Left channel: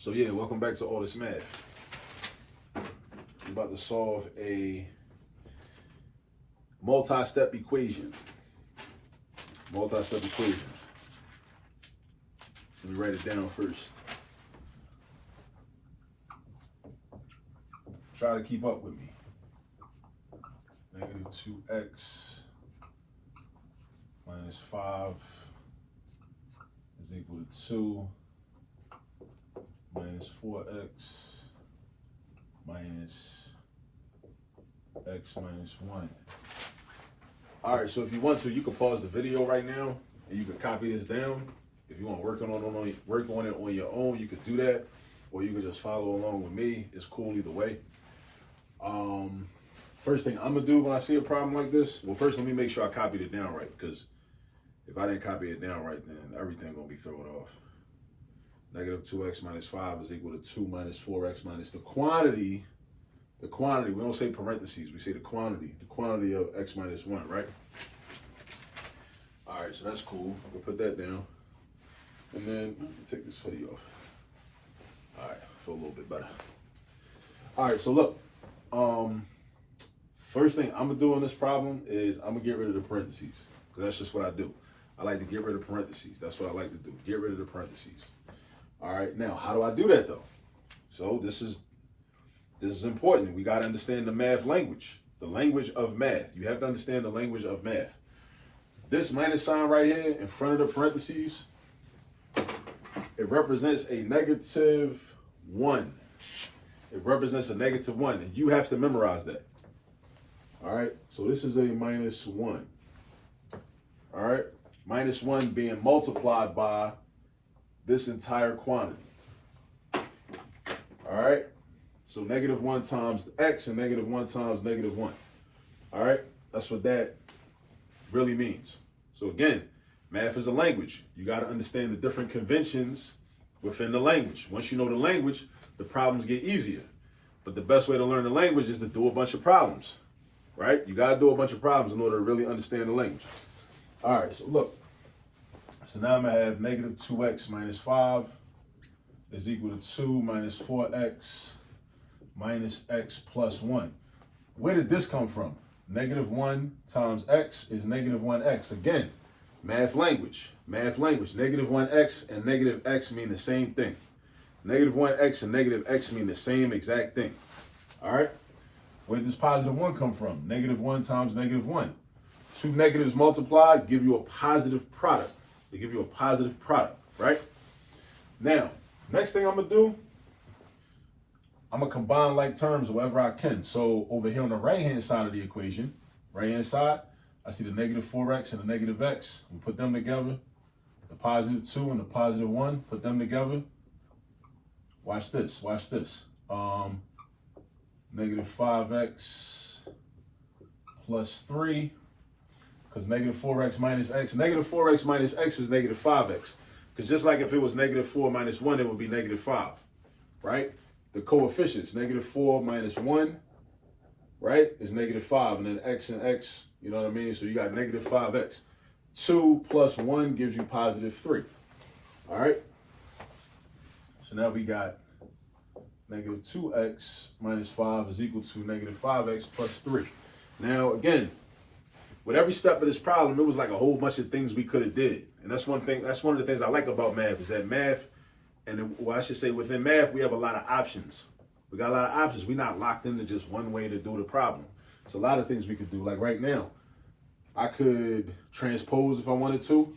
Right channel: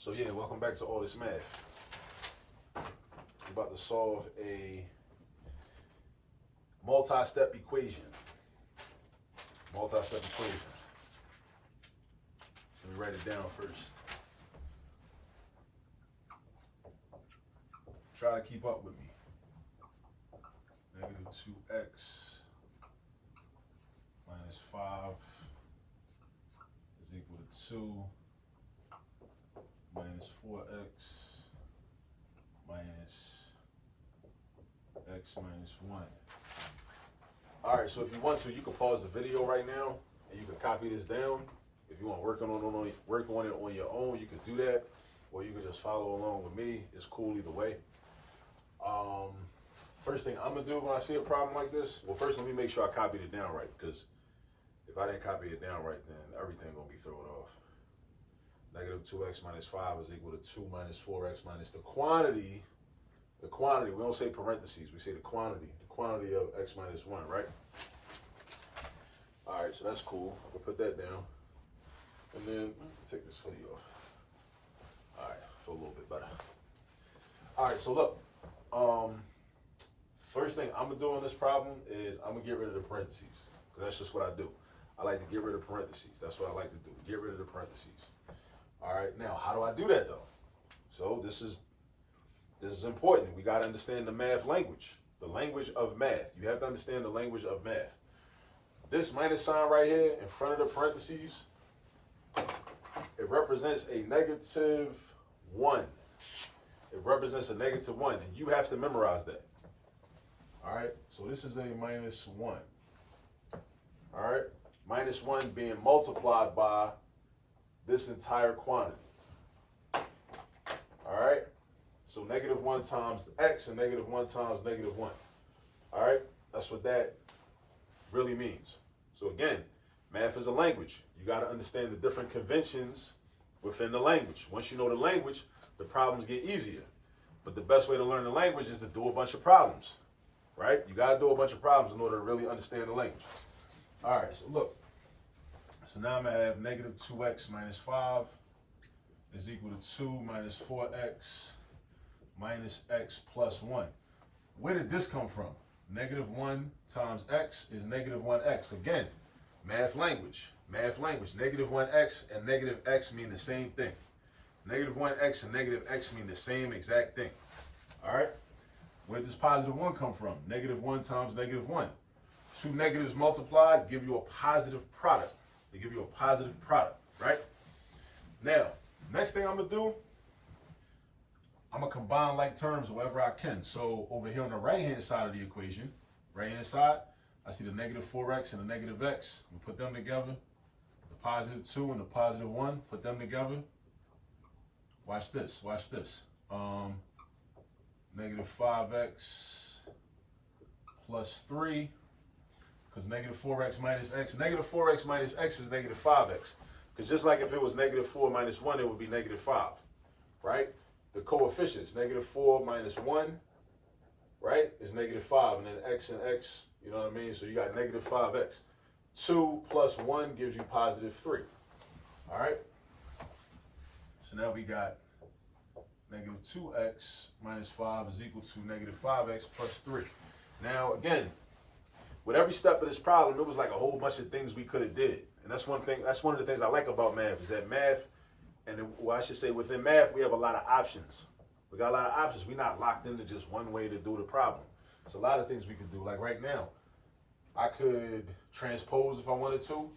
So yeah, welcome back to All This Math. We're about to solve a multi-step equation. Multi-step equation. Let me write it down first. Try to keep up with me. Negative 2x minus 5 is equal to 2 minus 4x minus x minus 1. All right, so if you want to, you can pause the video right now and you can copy this down. If you want to work on it on your own, you could do that, or you can just follow along with me. It's cool either way. First thing I'm gonna do when I see a problem like this, well, first let me make sure I copied it down right, because if I didn't copy it down right, then everything gonna be thrown off. Negative 2x minus 5 is equal to 2 minus 4x minus the quantity, we don't say parentheses, we say the quantity of x minus 1, right? All right, so that's cool. I can put that down. And then, take this hoodie off. All right, feel a little bit better. All right, so look, first thing I'm gonna do on this problem is I'm gonna get rid of the parentheses, because that's just what I do. I like to get rid of parentheses. That's what I like to do, get rid of the parentheses. All right, now how do I do that though? So this is important. We gotta understand the math language, the language of math. You have to understand the language of math. This minus sign right here in front of the parentheses, it represents a negative 1. It represents a negative 1, and you have to memorize that. All right, so this is a minus 1. All right, minus 1 being multiplied by this entire quantity. All right, so negative 1 times x and negative 1 times negative 1. All right, that's what that really means. So again, math is a language. You got to understand the different conventions within the language. Once you know the language, the problems get easier. But the best way to learn the language is to do a bunch of problems, right? You got to do a bunch of problems in order to really understand the language. All right, so look. So now I'm going to have negative 2x minus 5 is equal to 2 minus 4x minus x plus 1. Where did this come from? Negative 1 times x is negative 1x. Again, math language. Negative 1x and negative x mean the same thing. Negative 1x and negative x mean the same exact thing. All right? Where does positive 1 come from? Negative 1 times negative 1. Two negatives multiplied give you a positive product. They give you a positive product, right? Now, next thing I'm going to do, I'm going to combine like terms wherever I can. So over here on the right-hand side of the equation, right-hand side, I see the negative 4x and the negative x. We put them together. The positive 2 and the positive 1, put them together. Watch this, watch this. Negative 5x plus 3, because negative 4x minus x. Negative 4x minus x is negative 5x. Because just like if it was negative 4 minus 1, it would be negative 5, right? The coefficients, negative 4 minus 1, right, is negative 5. And then x and x, you know what I mean? So you got negative 5x. 2 plus 1 gives you positive 3. All right? So now we got negative 2x minus 5 is equal to negative 5x plus 3. Now, again, with every step of this problem, it was like a whole bunch of things we could have did. And that's one thing. That's one of the things I like about math, is that math, and well, I should say within math, we have a lot of options. We got a lot of options. We're not locked into just one way to do the problem. There's a lot of things we could do. Like right now, I could transpose if I wanted to.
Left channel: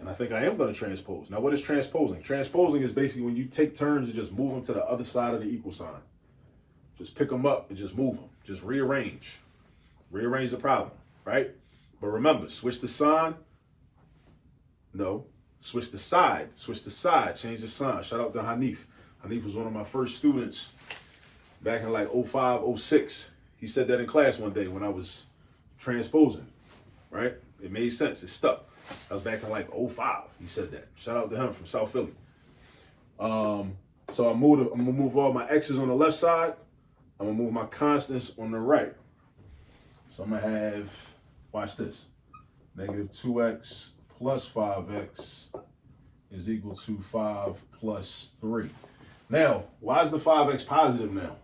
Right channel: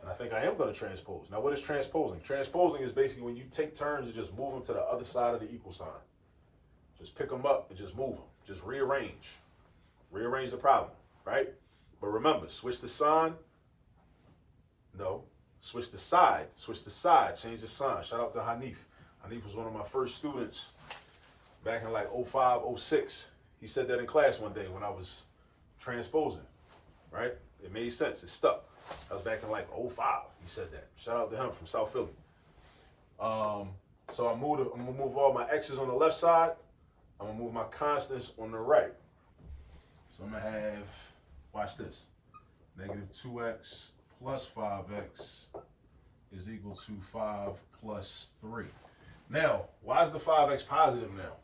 And I think I am going to transpose. Now, what is transposing? Transposing is basically when you take terms and just move them to the other side of the equal sign. Just pick them up and just move them. Just rearrange. Rearrange the problem, right? But remember, switch the sign. No. Switch the side. Switch the side. Change the sign. Shout out to Hanif. Hanif was one of my first students back in like 05, 06. He said that in class one day when I was transposing, right? It made sense. It stuck. That was back in like 05. He said that. Shout out to him from South Philly. So I'm gonna move all my x's on the left side. I'm gonna move my constants on the right. So I'm gonna have, watch this, negative 2x plus 5x is equal to 5 plus 3. Now, why is the 5x positive now?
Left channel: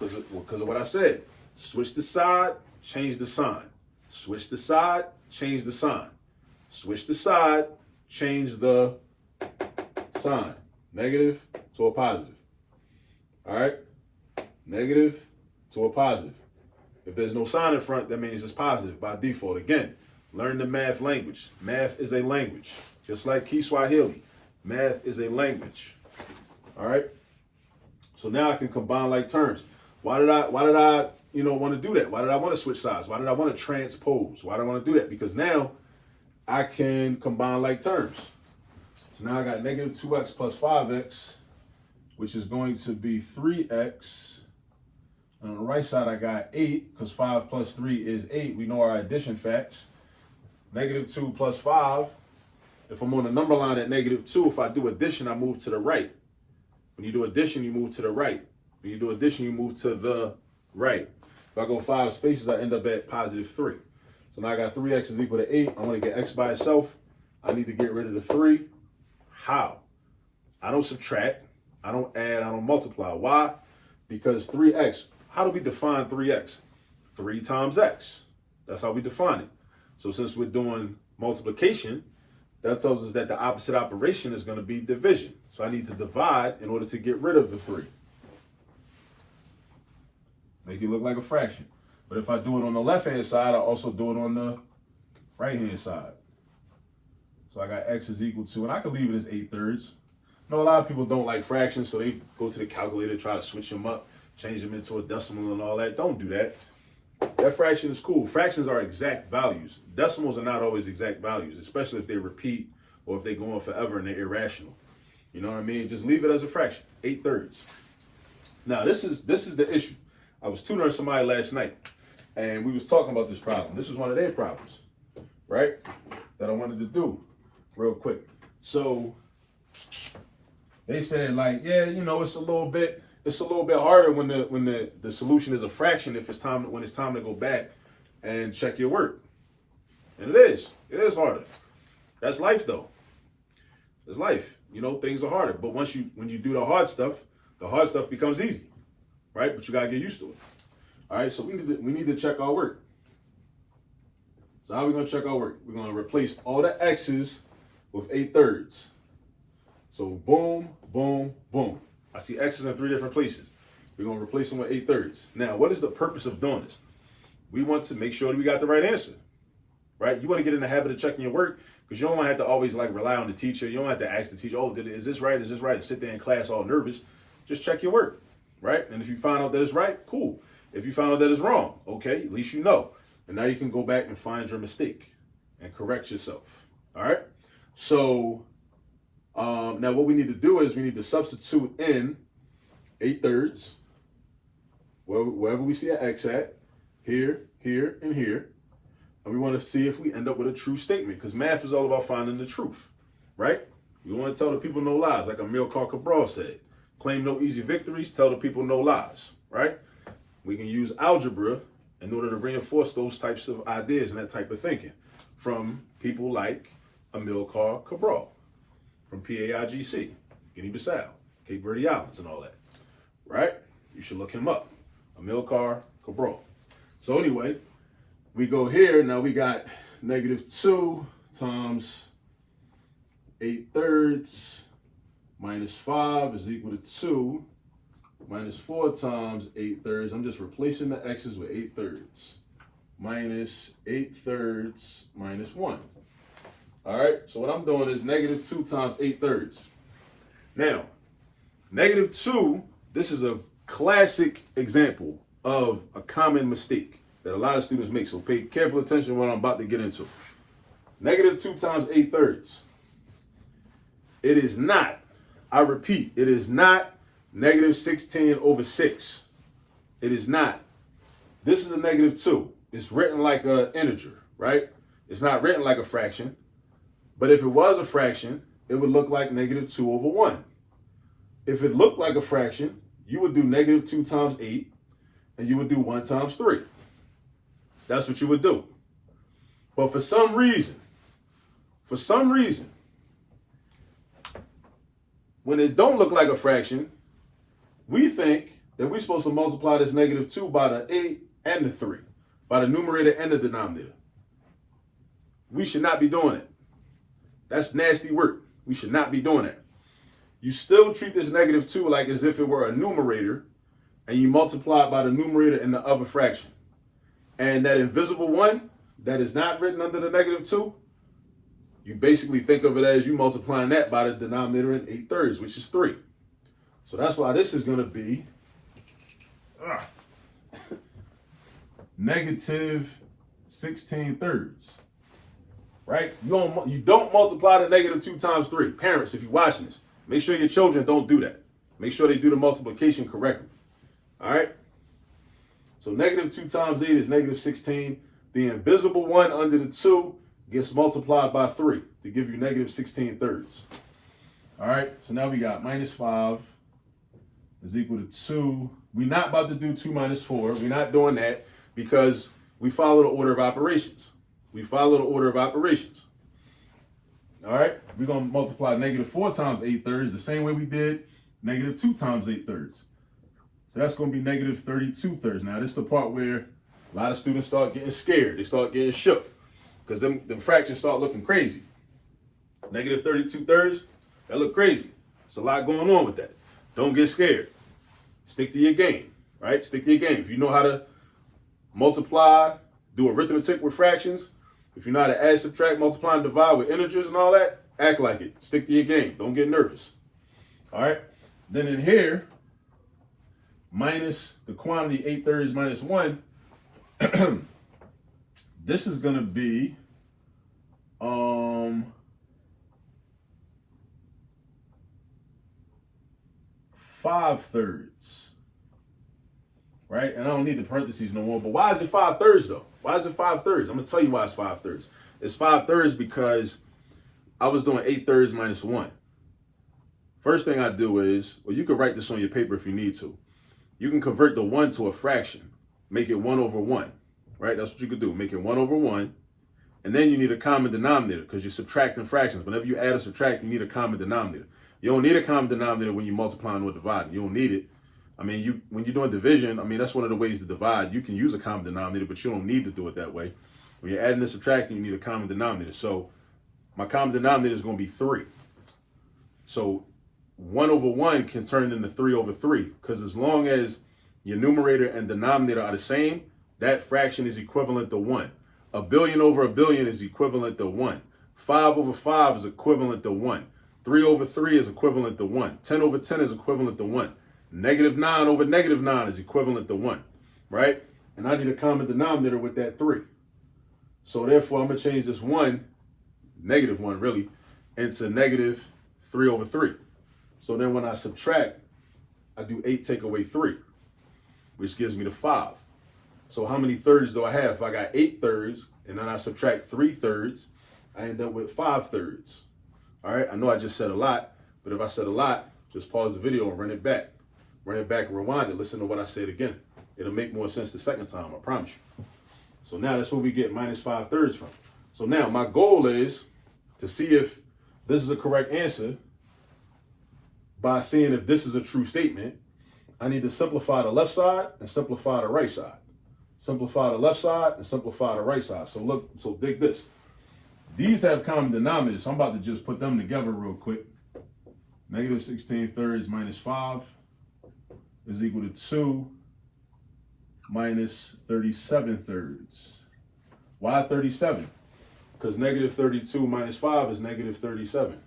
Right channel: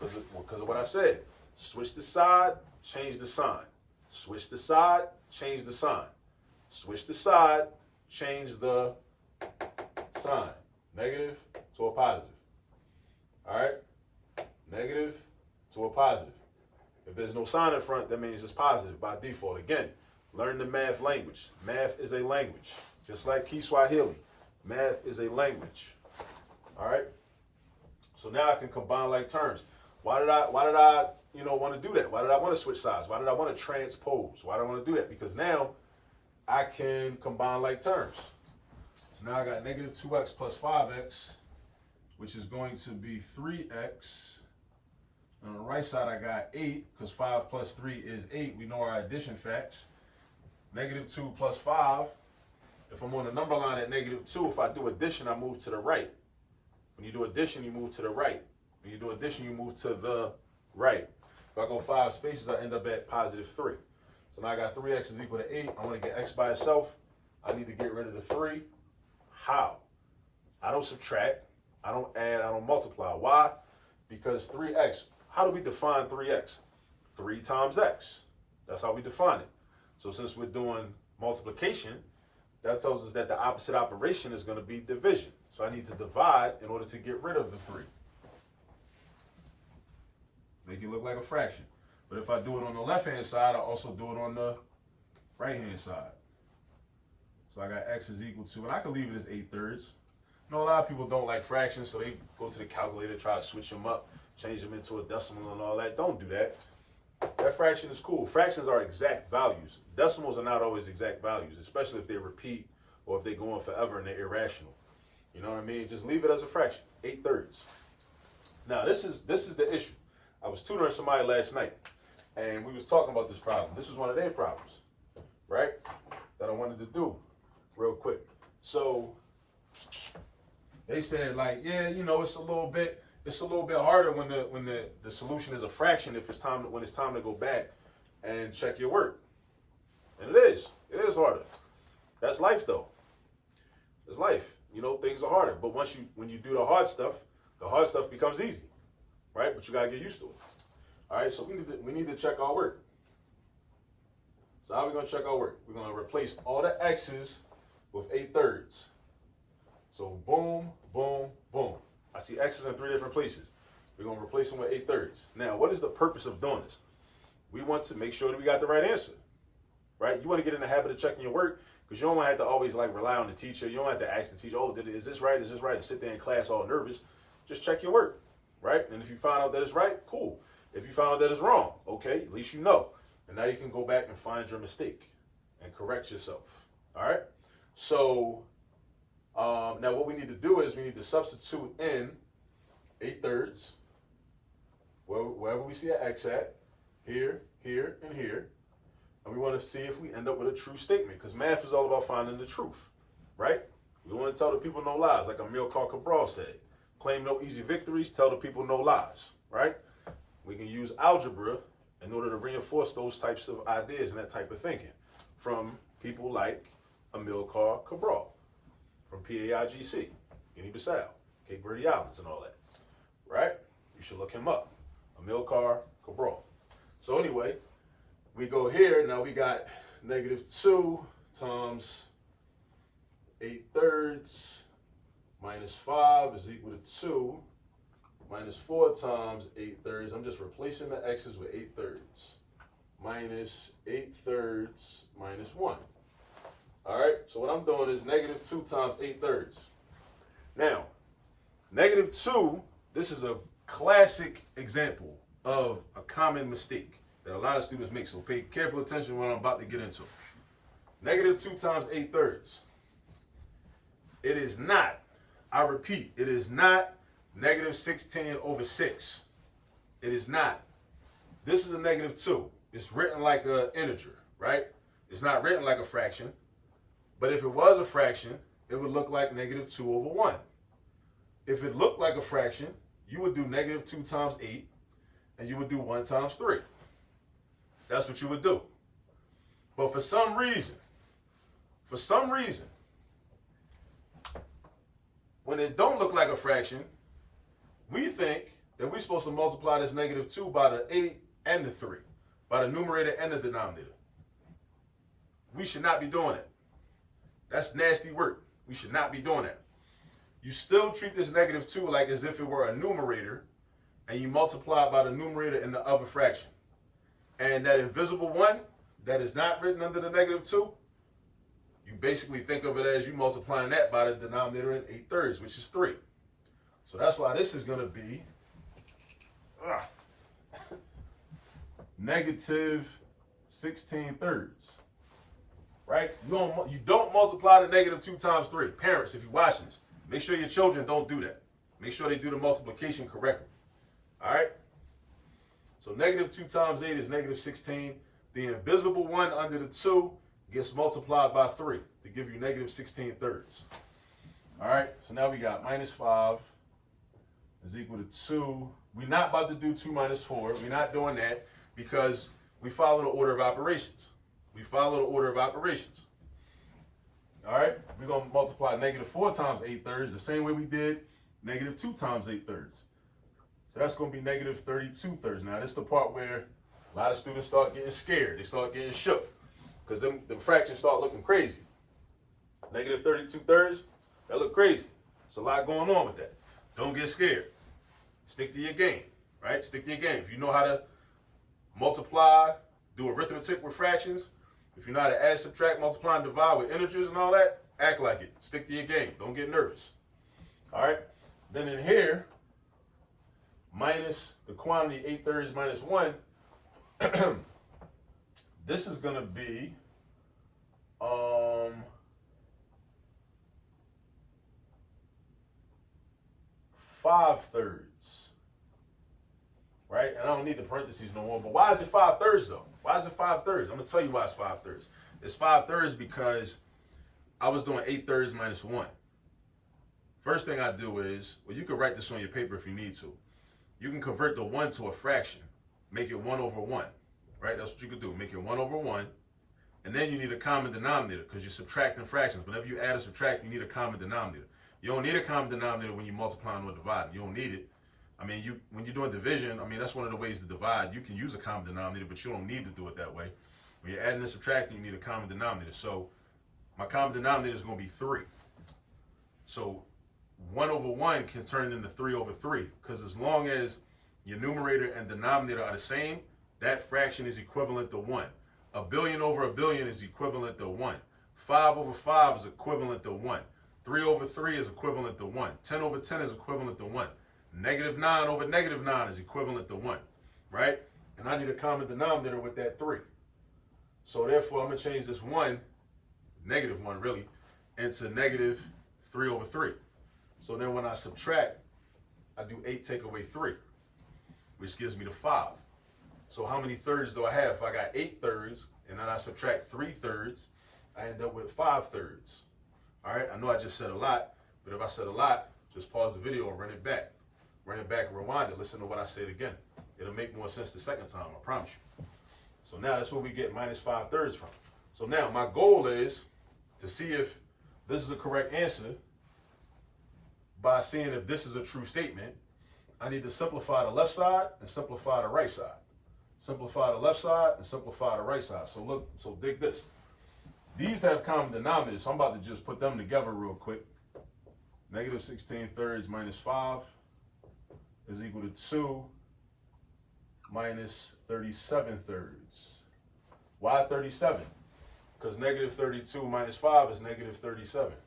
Because of what I said. Switch the side, change the sign. Switch the side, change the sign. Switch the side, change the sign. Negative to a positive. All right? Negative to a positive. If there's no sign in front, that means it's positive by default. Again, learn the math language. Math is a language. Just like Kiswahili. Math is a language. All right? So now I can combine like terms. Why did I want to do that? Why did I want to switch sides? Why did I want to transpose? Why did I want to do that? Because now I can combine like terms. So now I got negative 2x plus 5x, which is going to be 3x. And on the right side, I got 8, because 5 plus 3 is 8. We know our addition facts. Negative 2 plus 5. If I'm on the number line at negative 2, if I do addition, I move to the right. When you do addition, you move to the right. When you do addition, you move to the right. If I go 5 spaces, I end up at positive 3. So now I got 3x is equal to 8. I want to get x by itself. I need to get rid of the 3. How? I don't subtract. I don't add. I don't multiply. Why? Because 3x. How do we define 3x? 3 times x. That's how we define it. So since we're doing multiplication, that tells us that the opposite operation is going to be division. So I need to divide in order to get rid of the 3. Make it look like a fraction. But if I do it on the left-hand side, I also do it on the right-hand side. So I got x is equal to, and I can leave it as 8/3. I know a lot of people don't like fractions, so they go to the calculator, try to switch them up, change them into a decimal and all that. Don't do that. That fraction is cool. Fractions are exact values. Decimals are not always exact values, especially if they repeat or if they go on forever and they're irrational. You know what I mean? Just leave it as a fraction, 8/3. Now, this is the issue. I was tutoring somebody last night, and we was talking about this problem. This is one of their problems, right? That I wanted to do real quick. So they said, like, yeah, you know, it's a little bit harder when the solution is a fraction when it's time to go back and check your work. And it is harder. That's life though. It's life. You know, things are harder. But when you do the hard stuff becomes easy. Right? But you gotta get used to it. All right, so we need to check our work. So how are we gonna check our work? We're gonna replace all the x's with 8/3. So boom, boom, boom. I see x's in 3 different places. We're going to replace them with 8/3. Now, what is the purpose of doing this? We want to make sure that we got the right answer, right? You want to get in the habit of checking your work because you don't want to have to always like rely on the teacher. You don't have to ask the teacher, oh, is this right? Is this right? And sit there in class all nervous. Just check your work, right? And if you find out that it's right, cool. If you find out that it's wrong, okay, at least you know. And now you can go back and find your mistake and correct yourself, all right? So now what we need to do is we need to substitute in 8/3 wherever we see an x at, here, here, and here. And we want to see if we end up with a true statement because math is all about finding the truth, right? We want to tell the people no lies, like Amilcar Cabral said. Claim no easy victories, tell the people no lies, right? We can use algebra in order to reinforce those types of ideas and that type of thinking from people like Amilcar Cabral. From PAIGC, Guinea-Bissau, Cape Verde Islands, and all that, right? You should look him up, Amilcar Cabral. So anyway, we go here. Now we got -2 times 8/3 minus 5 is equal to 2 minus 4 times 8/3. I'm just replacing the x's with 8/3 minus 8/3 minus 1. All right, so what I'm doing is -2 times 8/3. Now, -2, this is a classic example of a common mistake that a lot of students make. So pay careful attention to what I'm about to get into. -2 times 8/3. It is not, I repeat, it is not -16/6. It is not. This is a -2. It's written like an integer, right? It's not written like a fraction. But if it was a fraction, it would look like -2/1. If it looked like a fraction, you would do -2 times 8, and you would do 1 times 3. That's what you would do. But for some reason, when it don't look like a fraction, we think that we're supposed to multiply this negative 2 by the 8 and the 3, by the numerator and the denominator. We should not be doing it. That's nasty work. We should not be doing that. You still treat this negative 2 like as if it were a numerator, and you multiply it by the numerator in the other fraction. And that invisible 1 that is not written under the negative 2, you basically think of it as you multiplying that by the denominator in 8/3, which is 3. So that's why this is going to be negative 16/3. Right? You don't multiply the negative 2 times 3. Parents, if you're watching this, make sure your children don't do that. Make sure they do the multiplication correctly. All right? So negative 2 times 8 is negative 16. The invisible 1 under the 2 gets multiplied by 3 to give you negative 16/3. All right? So now we got minus 5 is equal to 2. We're not about to do 2 minus 4. We're not doing that because we follow the order of operations. We follow the order of operations. All right? We're going to multiply negative 4 times 8/3 the same way we did negative 2 times 8/3. So that's going to be negative 32/3. Now, this is the part where a lot of students start getting scared. They start getting shook because them fractions start looking crazy. Negative 32/3, that look crazy. There's a lot going on with that. Don't get scared. Stick to your game, right? Stick to your game. If you know how to multiply, do arithmetic with fractions, if you know how to add, subtract, multiply, and divide with integers and all that, act like it. Stick to your game. Don't get nervous. All right? Then in here, minus the quantity 8/3 minus 1, this is going to be 5/3. Right? And I don't need the parentheses no more. But why is it 5/3 though? Why is it 5/3? I'm going to tell you why it's 5/3. It's 5/3 because I was doing 8/3 minus 1. First thing I do is, well, you can write this on your paper if you need to. You can convert the 1 to a fraction. Make it 1 over 1. Right? That's what you could do. Make it 1 over 1. And then you need a common denominator because you're subtracting fractions. Whenever you add or subtract, you need a common denominator. You don't need a common denominator when you're multiplying or dividing. You don't need it. I mean, when you're doing division, I mean, that's one of the ways to divide. You can use a common denominator, but you don't need to do it that way. When you're adding and subtracting, you need a common denominator. So my common denominator is going to be 3. So 1 over 1 can turn into 3 over 3 because as long as your numerator and denominator are the same, that fraction is equivalent to 1. A billion over a billion is equivalent to 1. 5 over 5 is equivalent to 1. 3 over 3 is equivalent to 1. 10 over 10 is equivalent to 1. Negative 9 over negative 9 is equivalent to 1, right? And I need a common denominator with that 3. So therefore, I'm going to change this 1, negative 1 really, into negative 3 over 3. So then when I subtract, I do 8 take away 3, which gives me the 5. So how many thirds do I have? If I got 8/3 and then I subtract 3/3, I end up with 5/3. All right, I know I just said a lot, but if I said a lot, just pause the video and run it back. Run it back and rewind it. Listen to what I said again. It'll make more sense the second time, I promise you. So now that's where we get minus 5/3 from. So now my goal is to see if this is a correct answer by seeing if this is a true statement. I need to simplify the left side and simplify the right side. Simplify the left side and simplify the right side. So look, so dig this. These have common denominators, so I'm about to just put them together real quick. Negative 16/3 minus 5 is equal to 2 minus 37/3. Why 37? Because negative 32 minus 5 is negative 37.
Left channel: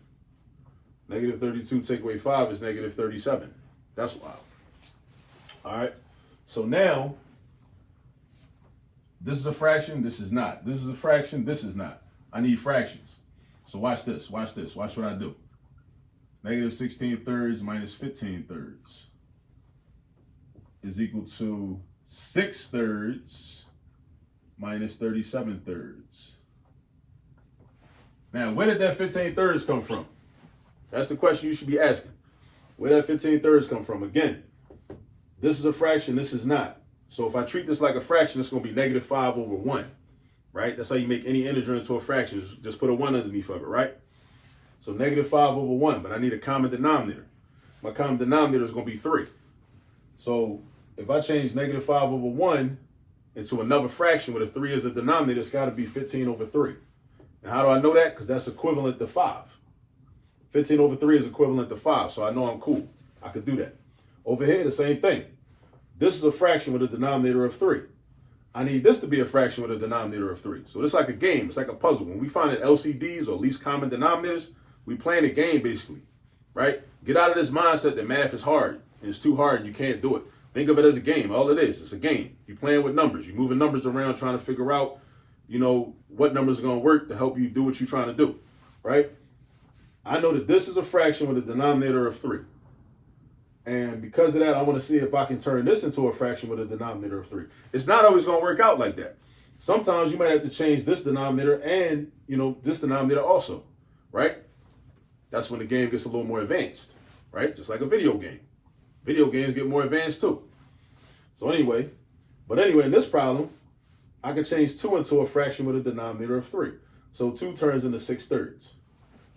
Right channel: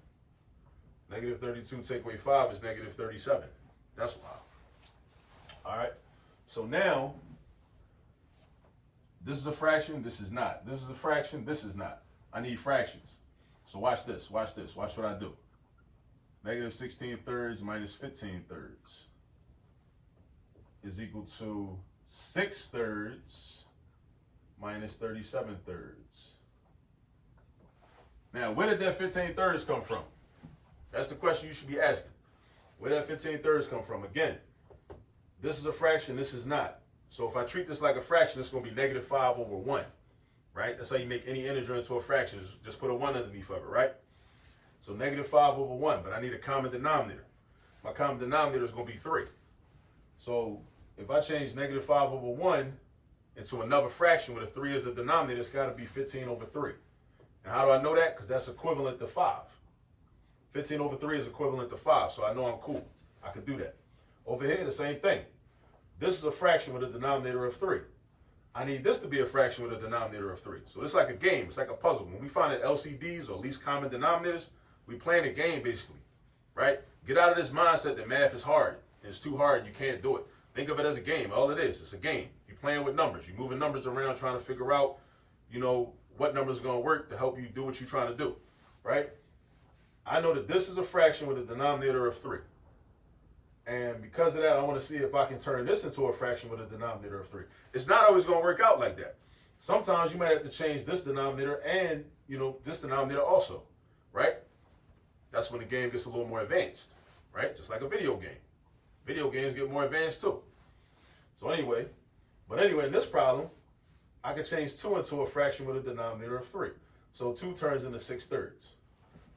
Negative 32 take away 5 is negative 37. That's why. All right. So now, this is a fraction, this is not. This is a fraction, this is not. I need fractions. So watch this, watch this. Watch what I do. Negative 16/3 minus 15/3 is equal to 6/3 minus 37/3. Now, where did that 15/3 come from? That's the question you should be asking. Where did that 15/3 come from? Again, this is a fraction, this is not. So if I treat this like a fraction, it's going to be negative 5 over 1, right? That's how you make any integer into a fraction. Just put a 1 underneath of it, right? So negative 5 over 1, but I need a common denominator. My common denominator is going to be 3. So if I change negative 5 over 1 into another fraction where the 3 is the denominator, it's got to be 15 over 3. And how do I know that? Because that's equivalent to 5. 15 over 3 is equivalent to 5, so I know I'm cool. I could do that. Over here, the same thing. This is a fraction with a denominator of 3. I need this to be a fraction with a denominator of 3. So it's like a game. It's like a puzzle. When we find LCDs or least common denominators, we playing a game basically, right? Get out of this mindset that math is hard and it's too hard and you can't do it. Think of it as a game. All it is, it's a game. You're playing with numbers. You're moving numbers around trying to figure out, you know, what numbers are going to work to help you do what you're trying to do, right? I know that this is a fraction with a denominator of 3. And because of that, I want to see if I can turn this into a fraction with a denominator of 3. It's not always going to work out like that. Sometimes you might have to change this denominator and, you know, this denominator also, right? That's when the game gets a little more advanced, right? Just like a video game. Video games get more advanced too. So anyway, in this problem, I can change 2 into a fraction with a denominator of 3. So 2 turns into 6/3.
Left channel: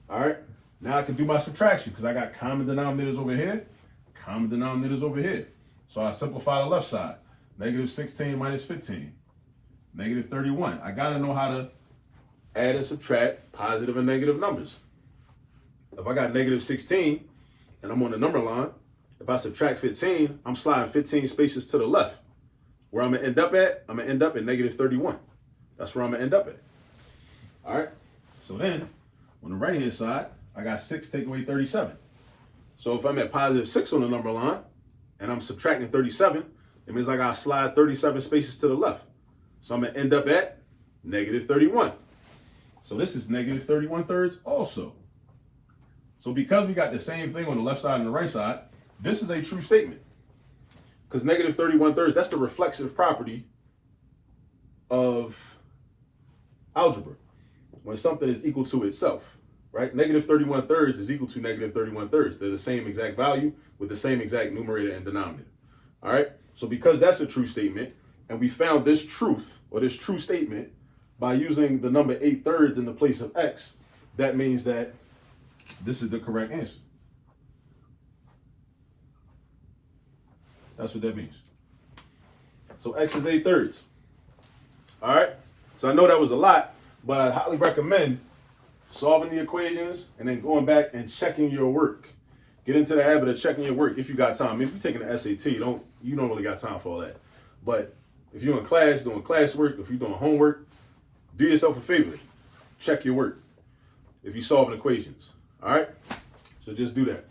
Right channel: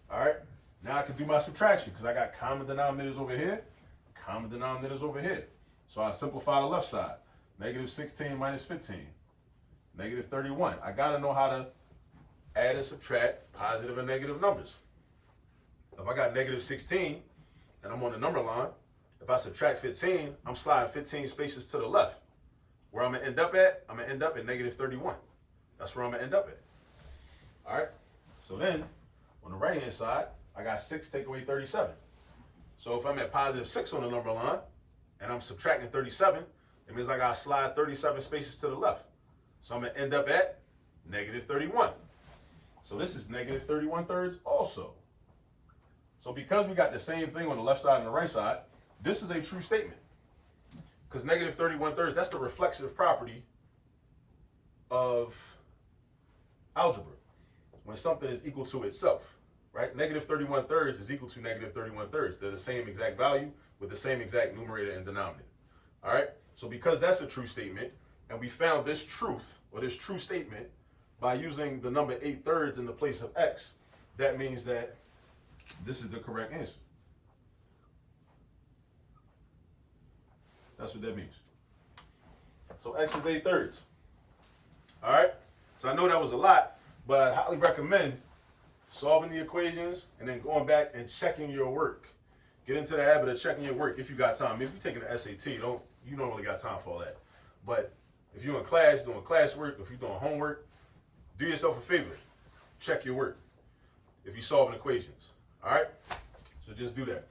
All right. Now I can do my subtraction because I got common denominators over here, common denominators over here. So I simplify the left side. Negative 16 minus 15. Negative 31. I got to know how to add and subtract positive and negative numbers. If I got negative 16 and I'm on the number line, if I subtract 15, I'm sliding 15 spaces to the left. Where I'm going to end up at, I'm going to end up at negative 31. That's where I'm going to end up at. All right. So then on the right-hand side, I got 6 take away 37. So if I'm at positive 6 on the number line and I'm subtracting 37, it means I got to slide 37 spaces to the left. So I'm going to end up at negative 31. So this is negative 31/3 also. So because we got the same thing on the left side and the right side, this is a true statement. Because negative 31/3, that's the reflexive property of algebra. When something is equal to itself, right? Negative 31/3 is equal to negative 31/3. They're the same exact value with the same exact numerator and denominator. All right? So because that's a true statement, and we found this truth, or this true statement, by using the number 8/3 in the place of x, that means that this is the correct answer. That's what that means. So x is 8/3. All right? So I know that was a lot, but I highly recommend solving the equations and then going back and checking your work. Get into the habit of checking your work if you got time. If you're taking the SAT, you don't really got time for all that. But if you're in class doing classwork, if you're doing homework, do yourself a favor. Check your work if you're solving equations. All right? So just do that.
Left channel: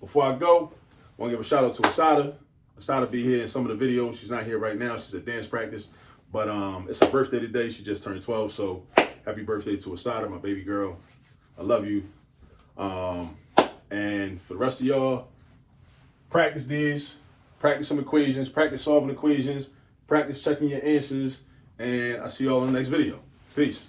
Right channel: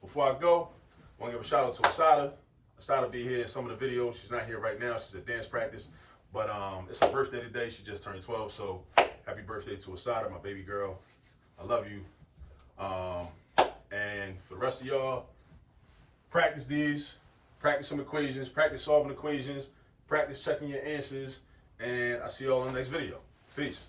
Before I go, I want to give a shout out to Assata. Assata be here in some of the videos. She's not here right now. She's at dance practice. But it's her birthday today. She just turned 12. So happy birthday to Assata, my baby girl. I love you. And for the rest of y'all, practice these. Practice some equations. Practice solving equations. Practice checking your answers. And I'll see y'all in the next video. Peace.